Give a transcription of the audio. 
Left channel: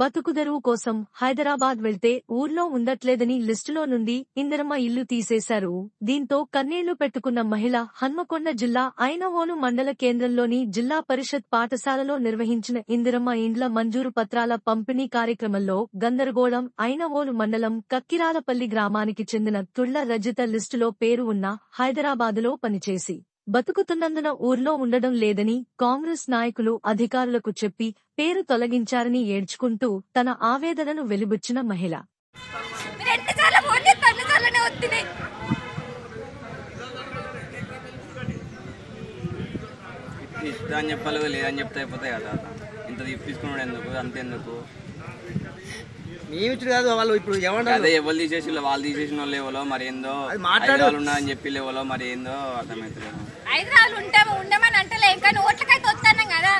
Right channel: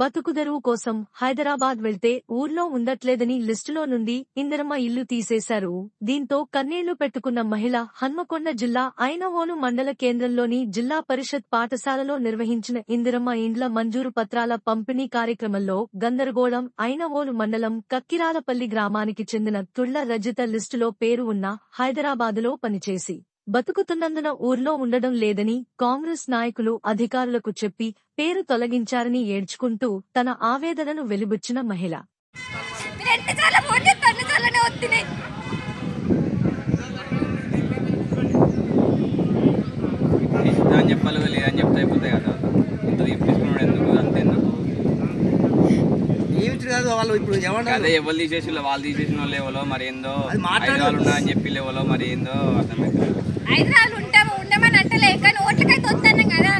బతుకుదెరువు కోసం హైదరాబాద్ వెళ్తే ఊర్లో ఉండట్లేదని లిస్టులో నుండి ఇందిరమ్మ ఇల్లు తీసేశారు. దీంతో కన్నీళ్లు పెట్టుకున్న మహిళ హన్మకొండ జిల్లా ఐనవోలు మండల కేంద్రంలోని జిల్లా పరిషత్ పాఠశాలలో నిర్వహించిన ఇందిరమ్మ ఇండ్ల మంజూరు పత్రాల పంపిణీ కార్యక్రమంలో గందరగోళం. ఐనవోలు మండలం కక్కిరాలపల్లి గ్రామానికి చెందిన తుళ్ల రజిత లిస్టులో పేరు ఉన్న హైదరాబాదులో పనిచేసి బతుకుతున్నందున ఊర్లో ఉండడం లేదని కాంగ్రెస్ నాయకులు అధికారులకు చెప్పి పేరు తొలగించారని ఏడ్చుకుంటూ తన ఆవేదనను వెలిబుచ్చిన మహిళ. చెప్పాలి లేదని చెప్తే అయిపోతాయి కదా, ఇంత తీసుకున్నాడు ఎందుకు అంతెందుకు కాదు. వాళ్ళు ఇప్పుడు అదే ఎవరు తీసేసి వాళ్ళు తీసేసిన వాళ్ళు ఎవరో మరి ఏందో హైదరాబాద్ ఉన్నారని చెప్పి ఎవరో మరి ఏందో అర్థమవుతుంది. హైదరాబాద్ ఉండమని అంటలే, కానీ ఓట్లకైతే వస్తాను కదా.